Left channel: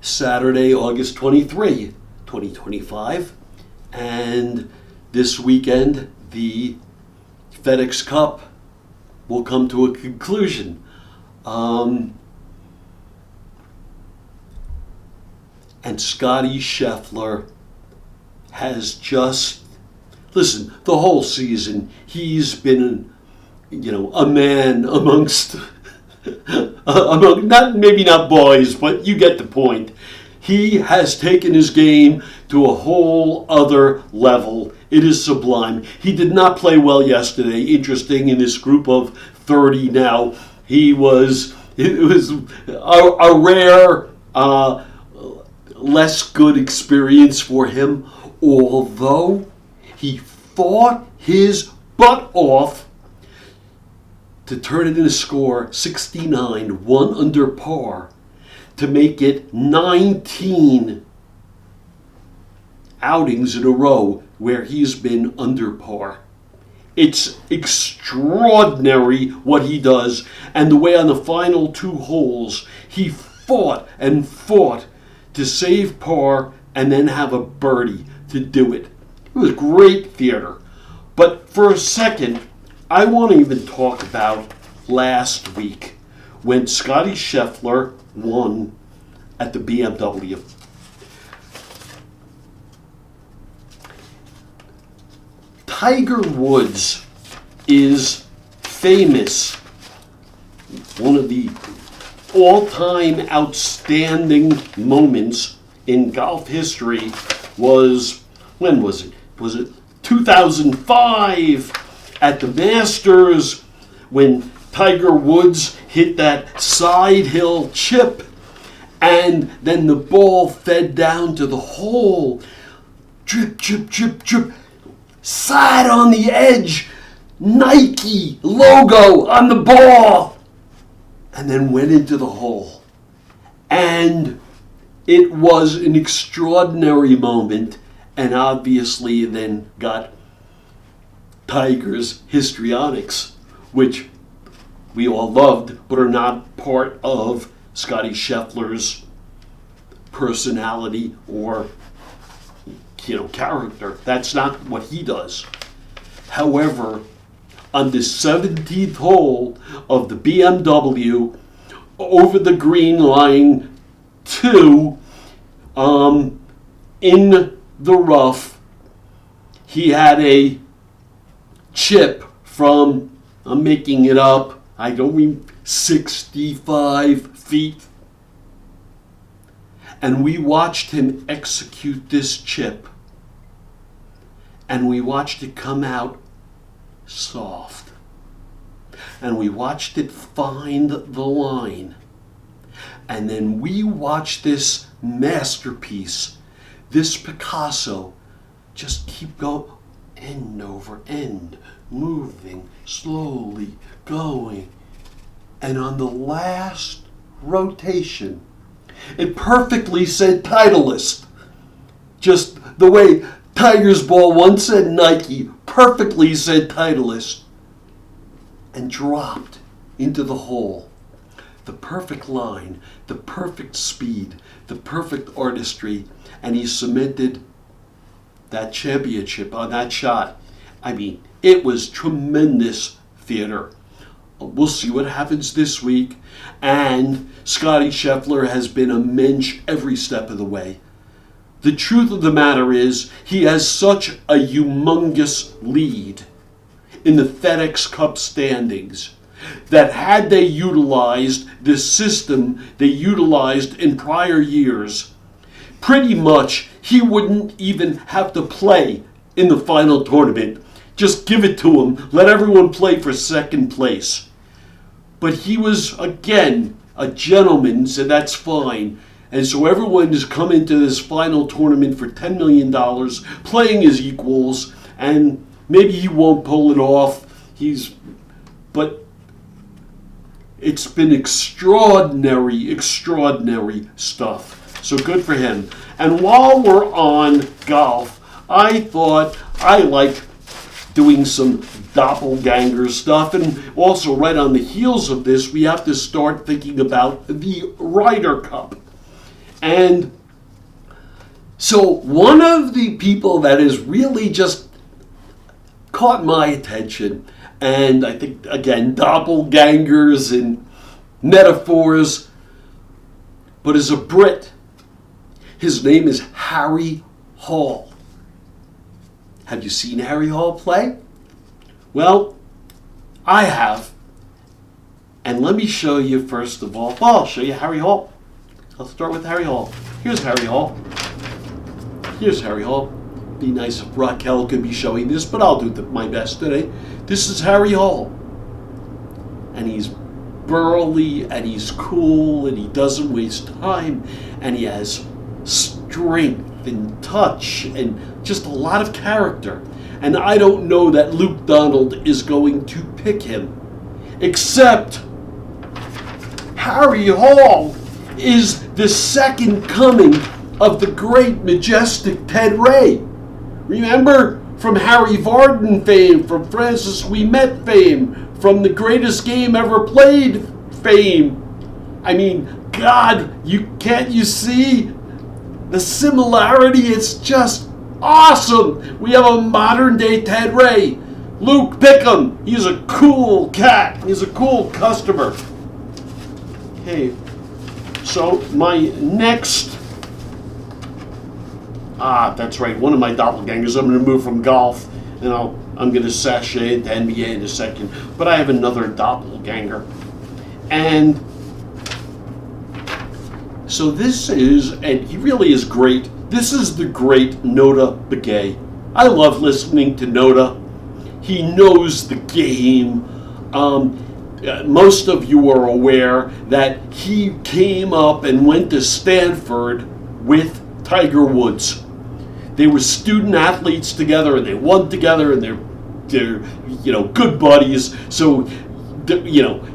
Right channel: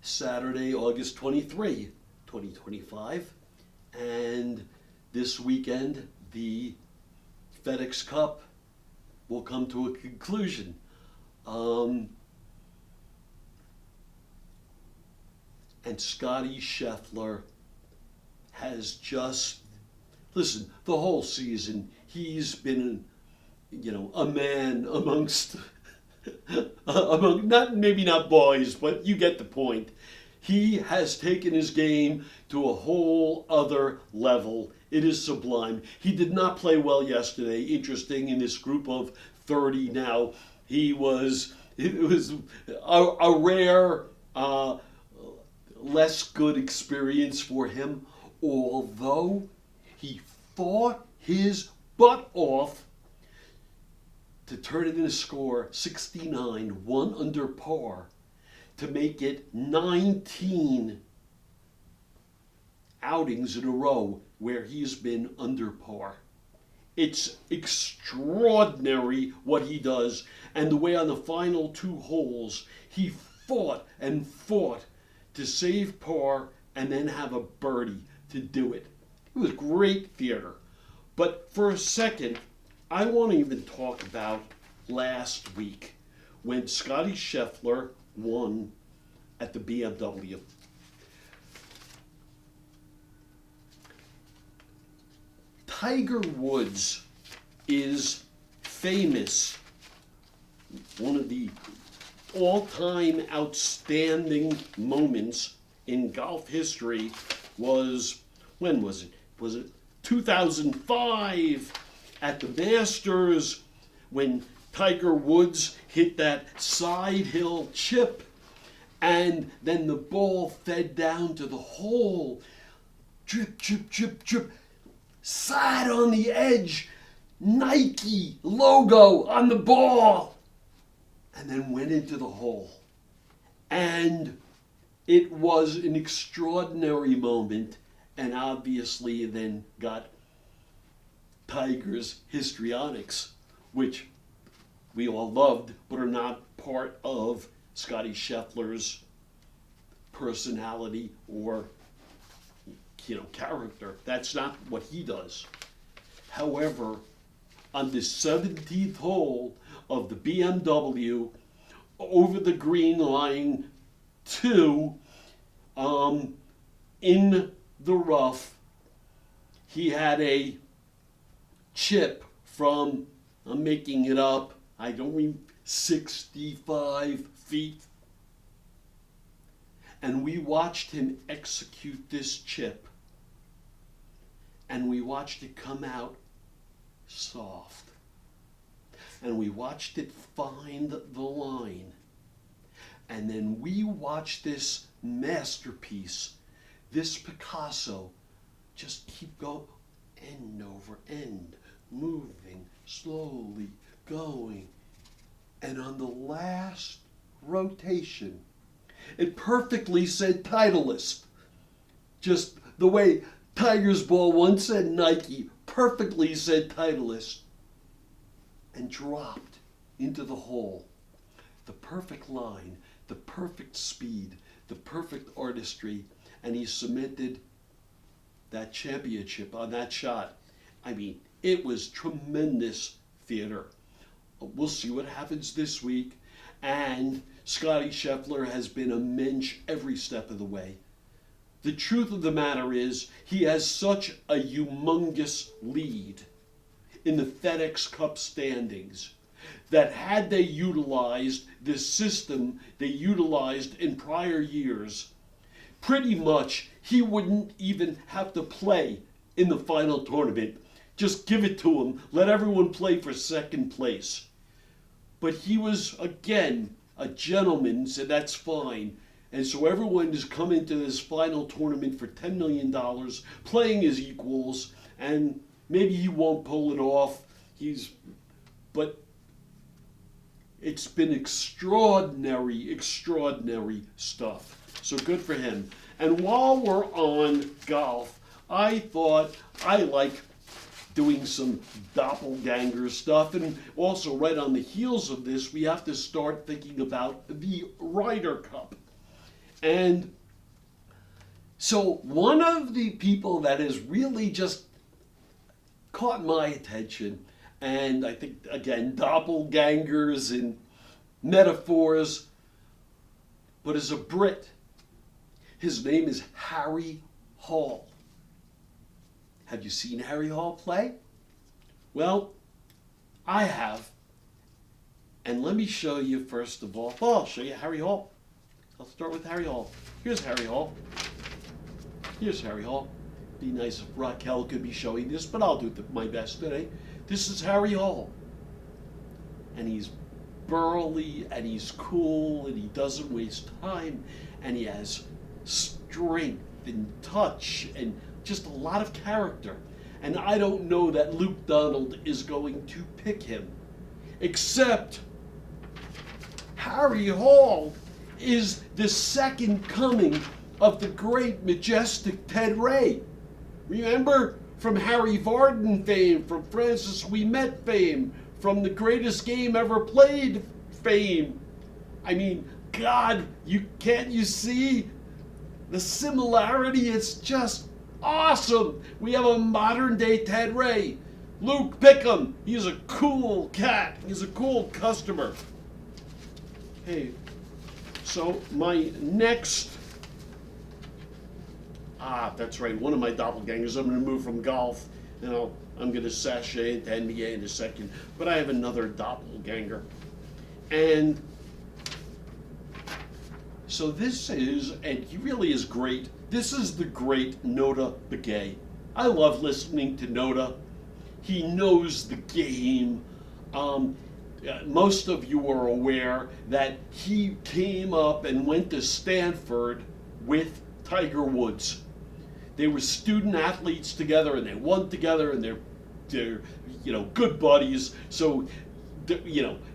Saturday, August 23, 2025. And this weekend, the FedEx Cup will come to a conclusion. And Scotty Scheffler has just, listen, the whole season, he's been, a man amongst, maybe not boys, but you get the point. He has taken his game to a whole other level. It is sublime. He did not play well yesterday. Interesting, in this group of 30 now, it was a rare, less good experience for him, although he fought his butt off to turn it in a score 69, 1 under par, to make it 19 outings in a row where he's been under par. It's extraordinary what he does, and the way on the final 2 holes he fought and fought to save par and then have a birdie to do it. It was great theater. But for a second, I want to even talk about last week when Scotty Scheffler won at the BMW. Tiger Woods is famous. One of the all-time outstanding moments in golf history was, when was it? Was it 2005 at the Masters when Tiger Woods hit that side hill chip and then the ball fed down to the hole. Drip, drip, drip, drip. Side on the edge. Nike logo on the ball. And then went into the hole. And it was an extraordinary moment, and obviously then got Tiger's histrionics, which we all loved, but are not part of Scotty Scheffler's personality or character. That's not what he does. However, on the 17th hole of the BMW, over the green line 2, in the rough, he had a chip from, I'm making it up, I don't mean 65 feet. And we watched him execute this chip. And we watched it come out soft. And we watched it find the line. And then we watched this masterpiece, this Picasso, just keep going, end over end, moving, slowly going. And on the last rotation, it perfectly said Titleist. Just the way Tiger's ball once said Nike, perfectly said Titleist. And dropped into the hole. The perfect line, the perfect speed, the perfect artistry, and he cemented that championship on that shot. I mean, it was tremendous theater. We'll see what happens this week. And Scotty Scheffler has been a mensch every step of the way. The truth of the matter is, he has such a humongous lead in the FedEx Cup standings that had they utilized this system they utilized in prior years, pretty much he wouldn't even have to play in the final tournament. Just give it to him. Let everyone play for second place. But he was, again, a gentleman, so that's fine. And so everyone has come into this final tournament for $10 million, playing as equals, and maybe he won't pull it off. But it's been extraordinary, extraordinary stuff. So good for him. And while we're on golf, I thought I liked doing some doppelganger stuff. And also right on the heels of this, we have to start thinking about the Ryder Cup. And so one of the people that has really just caught my attention, and I think, again, doppelgangers and metaphors, but is a Brit. His name is Harry Hall. Have you seen Harry Hall play? Well, I have. And let me show you first of all. Well, I'll show you Harry Hall. I'll start with Harry Hall. Here's Harry Hall. Here's Harry Hall. Be nice if Raquel could be showing this, but I'll do my best today. This is Harry Hall. And he's burly, and he's cool, and he doesn't waste time, and he has strength and touch and just a lot of character. And I don't know that Luke Donald is going to pick him, except Harry Hall is the second coming of the great, majestic Ted Ray. Remember, from Harry Vardon fame, from Francis Ouimet fame, from the greatest game ever played fame. I mean, God, can't you see the similarity? It's just awesome. We have a modern day Ted Ray. Luke, pick him. He's a cool cat. He's a cool customer. Okay, so my next, that's right, one of my doppelgangers. I'm going to move from golf, and I'm going to sashay into NBA in a second. But I have another doppelganger. And so this is, and he really is great, this is the great Notah Begay. I love listening to Notah. He knows the game. Most of you are aware that he came up and went to Stanford with Tiger Woods. They were student athletes together, and they won together, and they're good buddies. So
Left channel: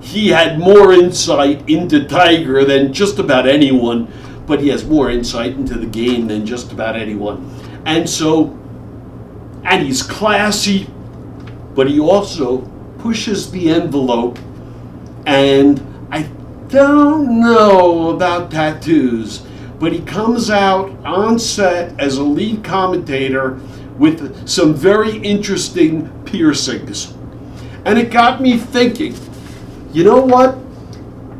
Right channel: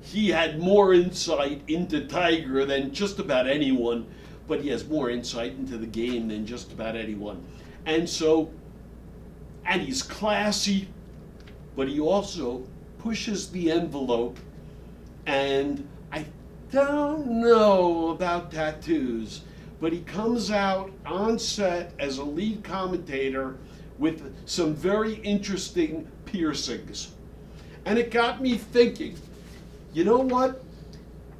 he had more insight into Tiger than just about anyone, but he has more insight into the game than just about anyone. And he's classy, but he also pushes the envelope. And I don't know about tattoos, but he comes out on set as a lead commentator with some very interesting piercings. And it got me thinking, you know what?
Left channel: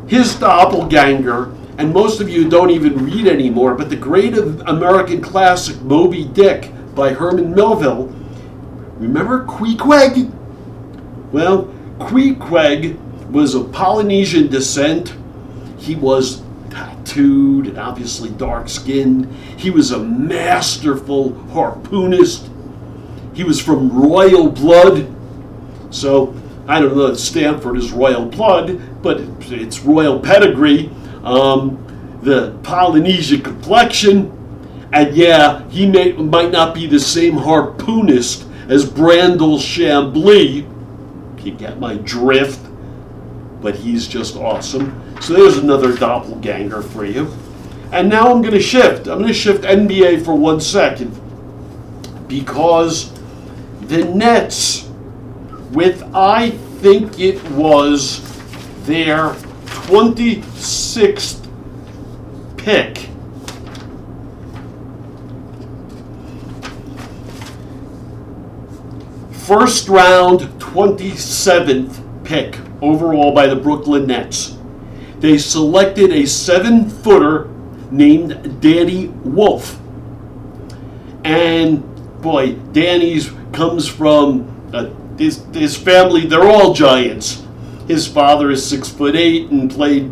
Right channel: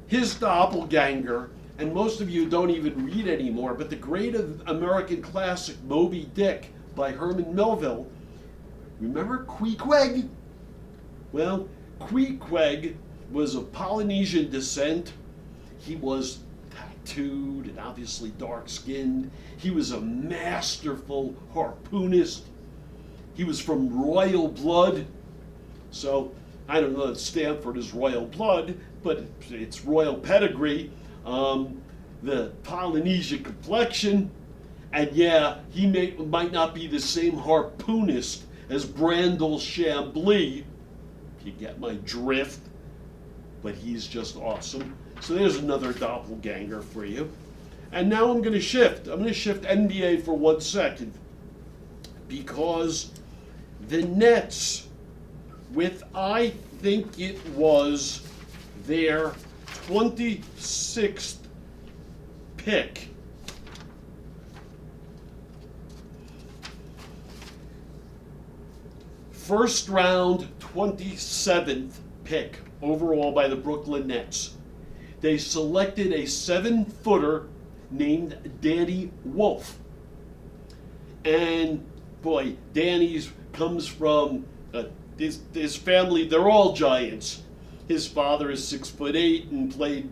His doppelganger, and most of you don't even read anymore, but the great American classic Moby Dick by Herman Melville. Remember Queequeg? Well, Queequeg was of Polynesian descent. He was tattooed and obviously dark-skinned. He was a masterful harpoonist. He was from royal blood. So, I don't know if Stanford is royal blood, but it's royal pedigree. The Polynesian complexion. And yeah, he might not be the same harpoonist as Brandel Chambly. You get my drift. But he's just awesome. So there's another doppelganger for you. And now I'm going to shift. I'm going to shift NBA for 1 second. Because the Nets, with I think it was their 26th pick, first round 27th pick overall by the Brooklyn Nets. They selected a 7-footer named Danny Wolf. And boy, Danny's comes from his family, they're all giants. His father is 6'8" and played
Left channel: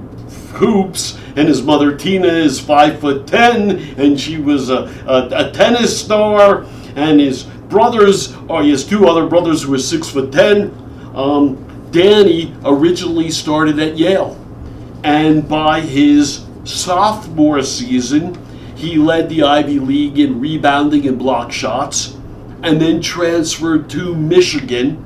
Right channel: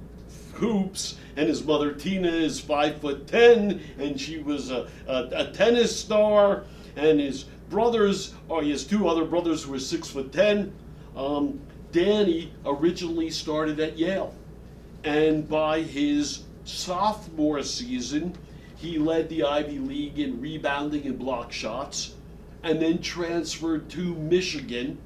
hoops, and his mother Tina is 5'10", and she was a tennis star, and his brothers, he has 2 other brothers who are 6'10". Danny originally started at Yale, and by his sophomore season, he led the Ivy League in rebounding and block shots, and then transferred to Michigan,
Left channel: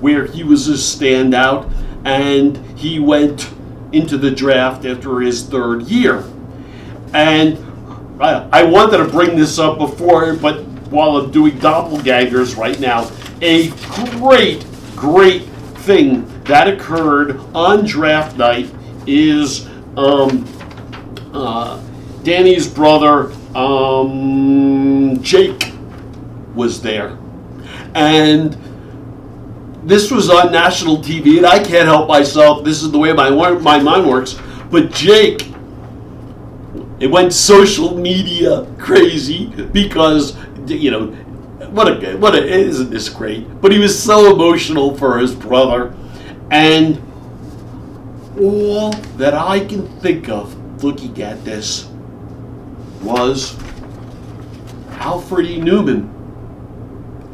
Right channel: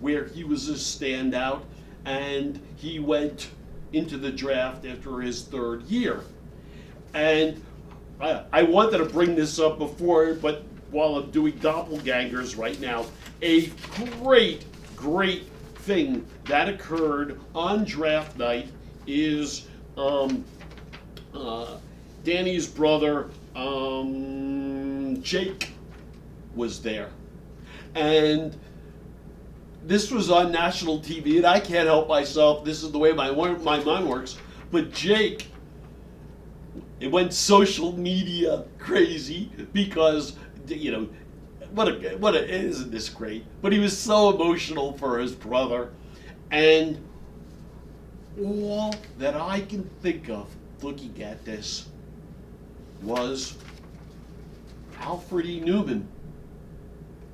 where he was a standout, and he went into the draft after his 3rd year. And I wanted to bring this up before, but while I'm doing doppelgangers right now, a great thing that occurred on draft night is Danny's brother, Jake, was there. And this was on national TV, and I can't help myself. This is the way my mind works. But Jake, it went social media crazy because, you know, isn't this great? But he was so emotional for his brother. And all that I can think of looking at this was Alfred E. Newman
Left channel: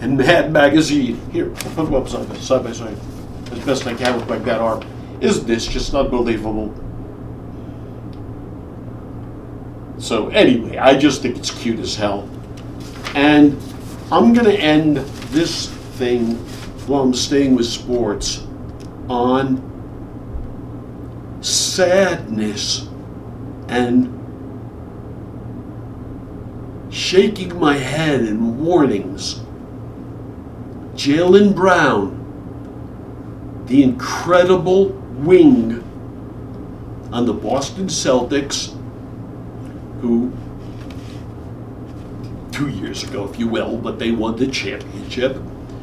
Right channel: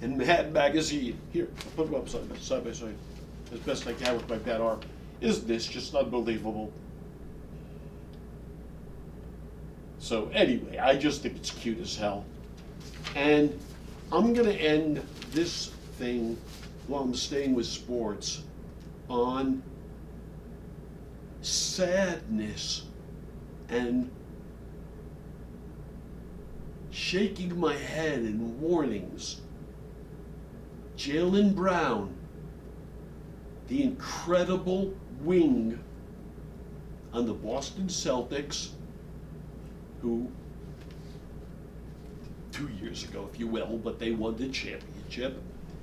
and Mad Magazine. Here, I'll put them up side by side as best I can with my bad arm. Isn't this just unbelievable? So anyway, I just think it's cute as hell. And I'm going to end this thing while I'm staying with sports on sadness and shaking my head in warnings. Jaylen Brown, the incredible wing on the Boston Celtics, who 2 years ago, if you will, but they won the championship,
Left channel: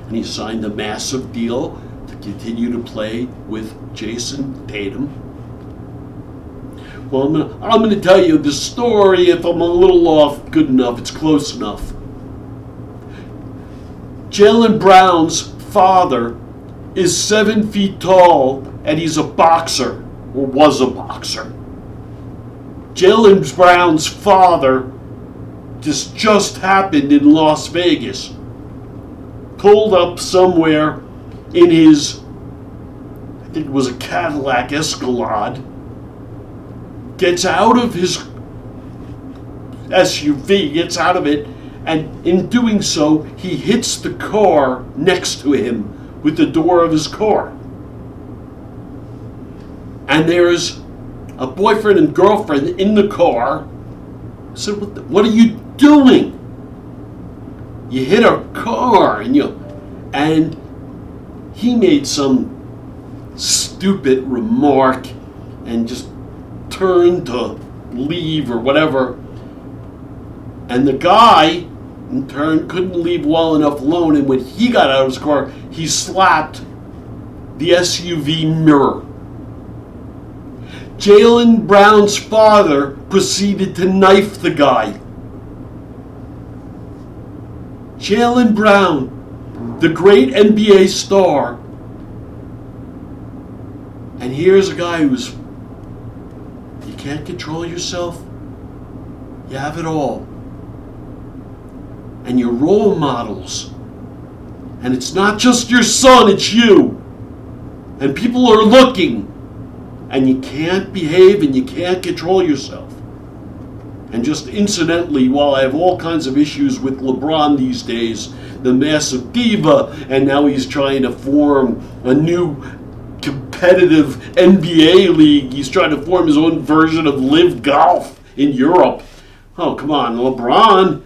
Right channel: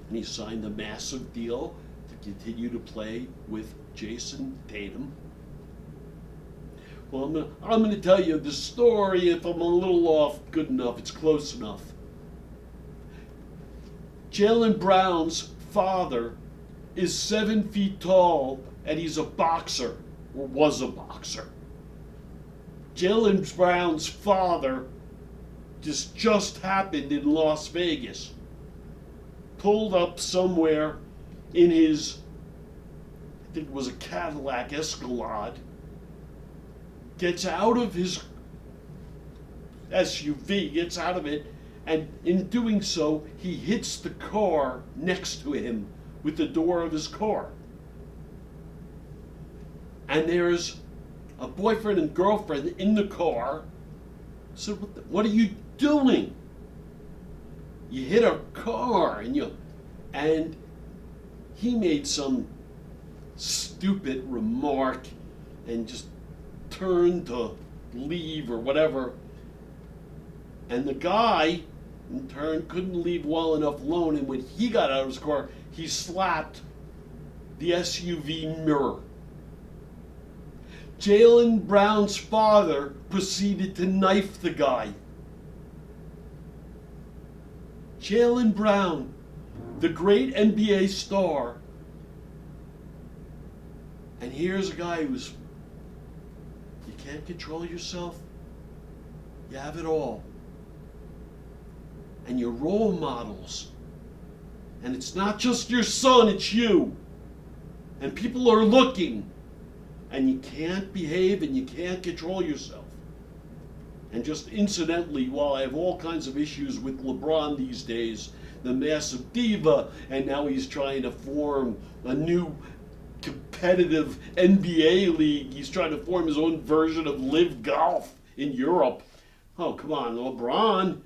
and he signed a massive deal to continue to play with Jason Tatum. Well, I'm going to tell you the story. If I'm a little off, good enough, it's close enough. Jaylen Brown's father is 7 feet tall, and he's a boxer, or was a boxer. Jaylen Brown's father just happened in Las Vegas. Pulled up somewhere in his, I think it was a Cadillac Escalade, gets out of his SUV, gets out of it, and in doing so, he hits the car next to him with the door of his car. And there's a boyfriend and girlfriend in the car. I said, what are you doing? You hit a car, and he made some stupid remark and just turned to leave or whatever. And the guy, in turn, couldn't leave well enough alone, and when he got out of his car, he slapped the SUV mirror. Jaylen Brown's father proceeded to knife the guy. Jaylen Brown, the great NBA star, and here's a guy who's, you can't control yourself, you have it all. And your role models, and it's not just your son, it's you. And people are looking, and you can't behave and you can't control yourself. And just incidentally, while I have all kinds of issues with LeBron these days, the massive diva, and now he's trying to form a new competitive NBA league. He's trying to form his own version of Live Golf in Europe. Oh, come on, LeBron,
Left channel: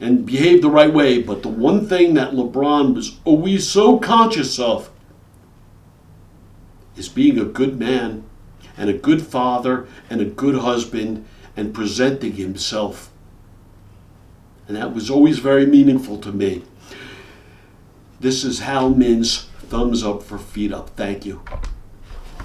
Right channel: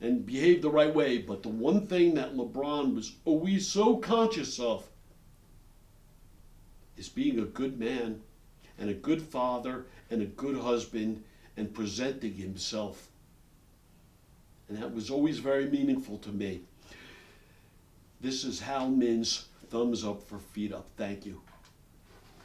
and behave the right way. But the one thing that LeBron was always so conscious of is being a good man and a good father and a good husband and presenting himself. And that was always very meaningful to me. This is Hal Min's thumbs up for feet up. Thank you.